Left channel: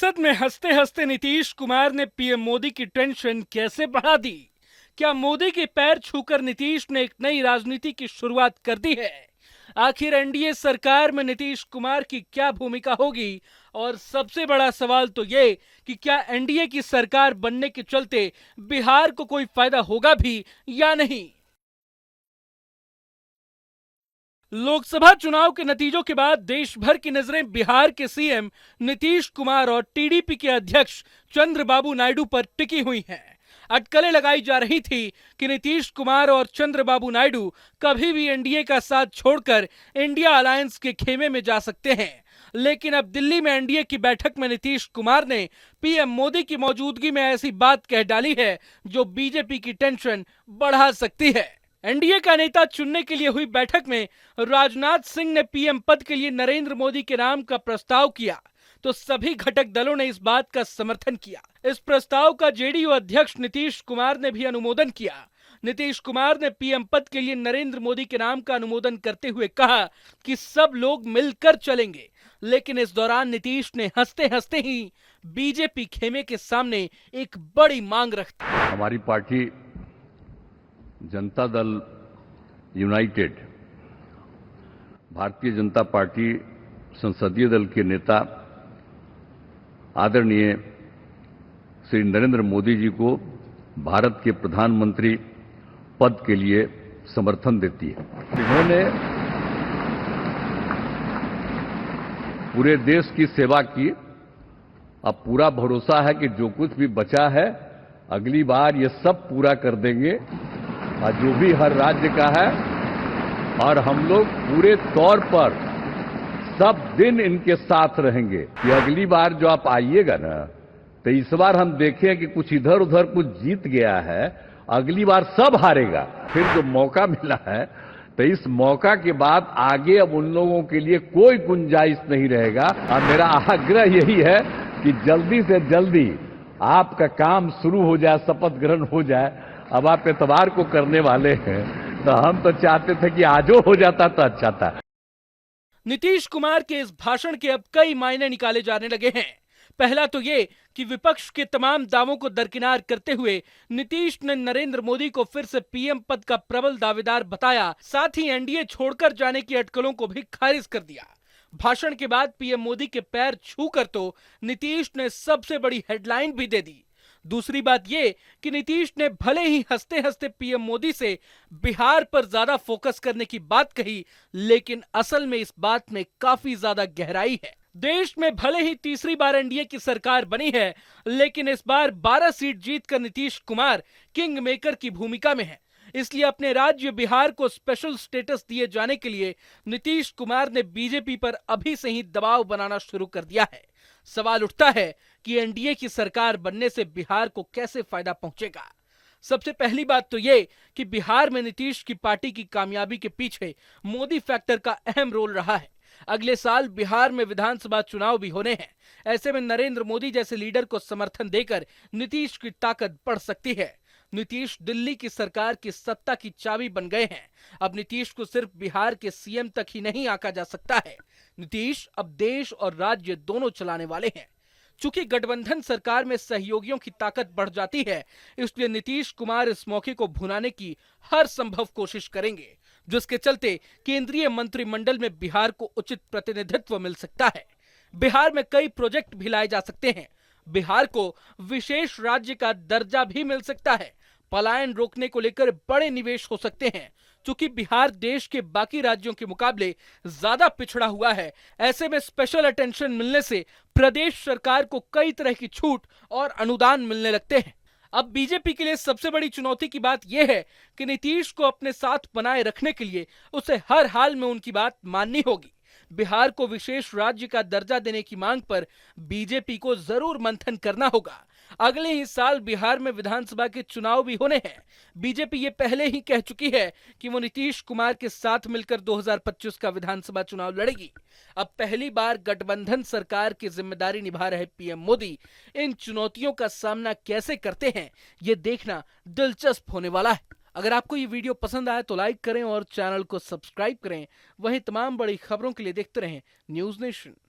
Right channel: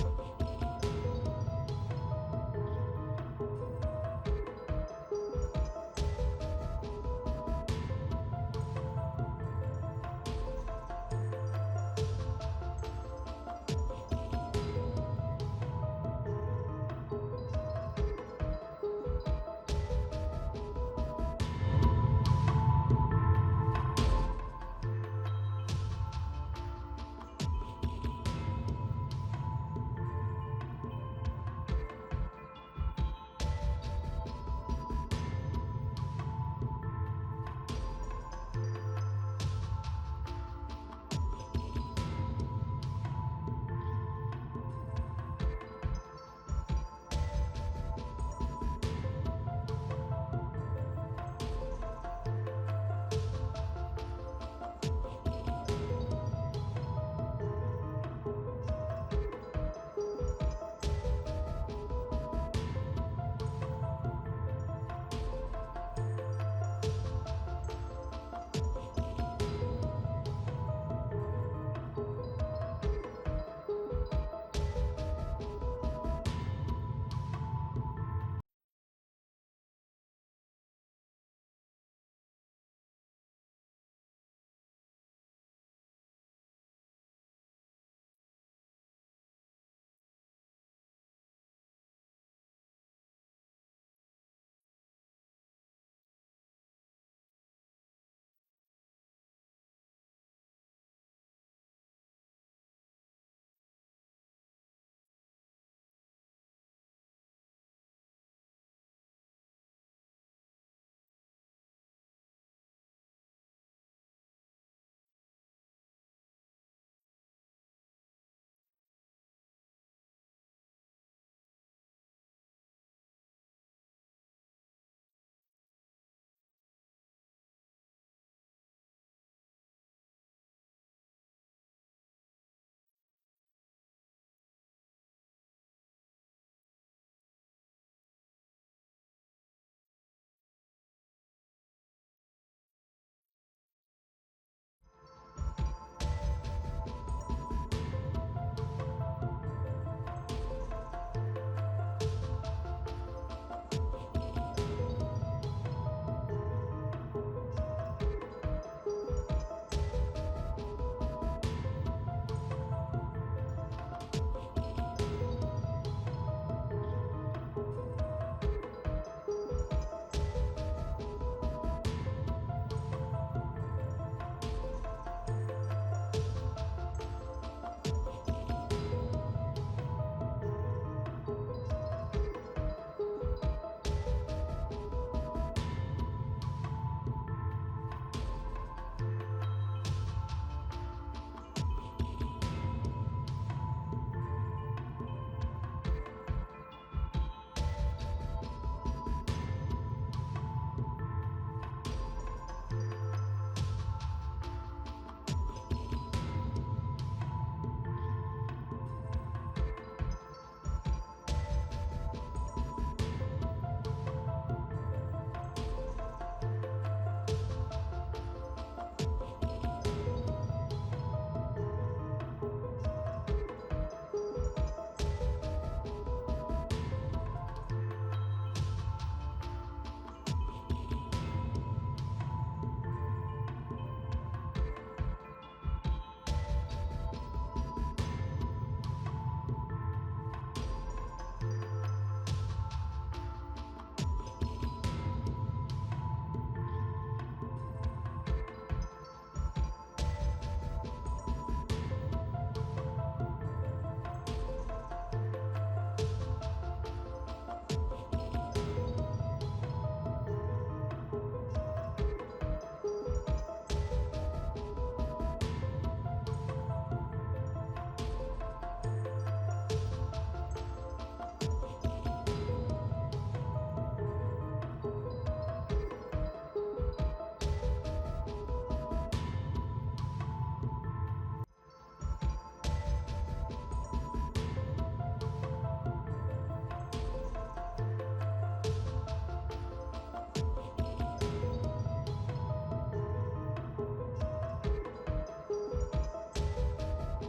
संसद में हंसते हंसते नीतीश कुमार ने पीएम मोदी की टेंशन कैसे बढ़ा दी? क्या मोदी के पैर छूकर नीतीश ने एक नई राजनीति की शुरुआत कर दी है? आखिर एनडीए सरकार में नीतीश कुमार की क्या भूमिका होगी? और सबसे बड़ा सवाल तो ये कि क्या एनडीए की सरकार बनने के चलते बिहार को कोई फायदा होगा भी या नहीं? लोकसभा चुनाव के नतीजों के बाद देश भर की नजरें बिहार के सीएम नीतीश कुमार और टीडीपी के अध्यक्ष चंद्रबाबू नायडू पर टिकी हुई हैं। अटकलें लगाई जा रही थी कि नीतीश कुमार और चंद्रबाबू नायडू कभी भी एनडीए का साथ छोड़कर इंडिया अलायंस के खेमे में जा सकते हैं। लेकिन अब दिल्ली में एनडीए की बैठक में नीतीश कुमार ने पीएम मोदी की मौजूदगी में ऐसी बात कह डाली है जो बीजेपी की टेंशन बढ़ा सकती है। एनडीए का नेता चुनने के लिए हुई बैठक में राजनाथ सिंह ने पीएम पद के लिए नरेंद्र मोदी के नाम का प्रस्ताव किया तो सभी घटक दलों ने इस बात का समर्थन किया। इस प्रस्ताव का जेडीयू अध्यक्ष नीतीश कुमार ने भी अनुमोदन किया। नीतीश कुमार ने पीएम पद के लिए नरेंद्र मोदी के नाम का अनुमोदन करते हुए कहा कि सब लोग मिलकर चलेंगे। लेकिन इस दौरान नीतीश ने हंसते हंसते ही बीजेपी खेमे के सामने एक बड़ी मांग रख दी। हमारी party Janata Dal United, Bharatiya Janata party संसदीय दल के नेता आदरणीय श्री नरेंद्र मोदी जी को भारत के प्रधानमंत्री पद के लिए समर्थन देती है। इन्होंने पूरे देश की सेवा की। अब पूरा भरोसा है कि जो कुछ भी बचा है अगली बार ये सब पूरा कर देंगे, और जो भी हर राज्य का है, और हम लोग पूरे तौर पर सब दिन इनके साथ रहेंगे। कि अगली बार जो आप आइएगा ना, तो इस बार हम देखें कि कुछ इधर उधर कुछ जीत गया है, अगली बार सब हारेगा। फिर जो मौका मिला है, तो इस मौका के बाद आगे अब उन लोगों के लिए कोई गुंजाइश नहीं रहेगा। और मेरा आग्रह यही है कि जल्दी से जल्दी आपका काम शुरू हो जाए, शपथ ग्रहण हो जाए। अब आप एतवार को करने वाले हैं, तो हम तो चाहते थे कि आजो हो जाता तो अच्छा था। नीतीश कुमार के इस भाषण के अब कई मायने निकाले जाने लगे हैं। पहला तो ये कि विपक्ष के तमाम दावों को दरकिनार करते हुए नीतीश ने नरेंद्र मोदी को फिर से पीएम पद का प्रबल दावेदार बताया। साथ ही एनडीए छोड़कर जाने की अटकलों को भी खारिज कर दिया। भाषण के बाद पीएम मोदी के पैर छूकर तो नीतीश ने सबसे बड़ी हेडलाइन भी दे दी। दूसरी बात ये कि नीतीश ने भले ही हंसते हंसते पीएम मोदी से बिहार पर ज्यादा फोकस करने की बात कही, लेकिन असल में इस बात में काफी ज्यादा गहराई है। देश में भले ही तीसरी बार एनडीए की सरकार बनी है, लेकिन इस बार 12 सीट जीतकर नीतीश कुमार किंग मेकर की भूमिका में है। इसलिए अपने राज्य बिहार को स्पेशल स्टेटस दिए जाने के लिए नीतीश कुमार ने बीजेपी पर अभी से ही दबाव बनाना शुरू कर दिया है। सवाल उठता है कि एनडीए की सरकार बनने से बिहार को कैसे फायदा पहुंचेगा। सबसे पहली बात तो ये कि बिहार में नीतीश की पार्टी की कामयाबी के पीछे मोदी फैक्टर का अहम रोल रहा है। अगले साल बिहार में विधानसभा चुनाव भी होने हैं। ऐसे में नरेंद्र मोदी जैसे लीडर को समर्थन देकर नीतीश की ताकत बढ़ सकती है। नीतीश दिल्ली की सरकार की सत्ता की चाबी बन गए हैं। अब नीतीश को सिर्फ बिहार के सीएम तक ही नहीं आंका जा सकता है। नीतीश अब देश और राज्य दोनों चलाने वाले हैं। चूंकि गठबंधन सरकार में सहयोगियों की ताकत बढ़ जाती है, इसलिए नीतीश कुमार इस मौके को भुनाने की हर संभव कोशिश करेंगे, जिसके चलते केंद्रीय मंत्रिमंडल में बिहार को उचित प्रतिनिधित्व मिल सकता है। बिहार में कई प्रोजेक्ट भी लाए जा सकते हैं। बिहार को विशेष राज्य का दर्जा भी मिल सकता है। पलायन रोकने को लेकर बड़े निवेश हो सकते हैं। चूंकि बिहार देश के बाकी राज्यों के मुकाबले ज्यादा पिछड़ा हुआ है, ऐसे में स्पेशल अटेंशन मिलने से प्रदेश सरकार को कई तरह की छूट और अनुदान मिलने लगते हैं। अब बीजेपी के लिए सबसे बड़ी चुनौती की बात यह है कि नीतीश को अपने साथ बनाए रखने के लिए उसे हर हाल में उनकी बात माननी होगी। बिहार को विशेष राज्य का दर्जा देने की मांग पर बीजेपी को जरूर मंथन करना होगा। अगले ही साल बिहार में विधानसभा के चुनाव भी होने हैं। बीजेपी ये पहले ही कह चुकी है कि वो नीतीश कुमार के साथ मिलकर 2025 का विधानसभा चुनाव लड़ेगी। अब पहली बार गठबंधन सरकार की जिम्मेदारी निभा रहे पीएम मोदी इन चुनौतियों का सामना कैसे करते हैं, ये देखना दिलचस्प होने वाला है। अगर आपको ये वीडियो पसंद आए तो लाइक करें और चैनल को सब्सक्राइब करें। वहीं तमाम बड़ी खबरों के लिए देखते रहें न्यूज़ नेशन।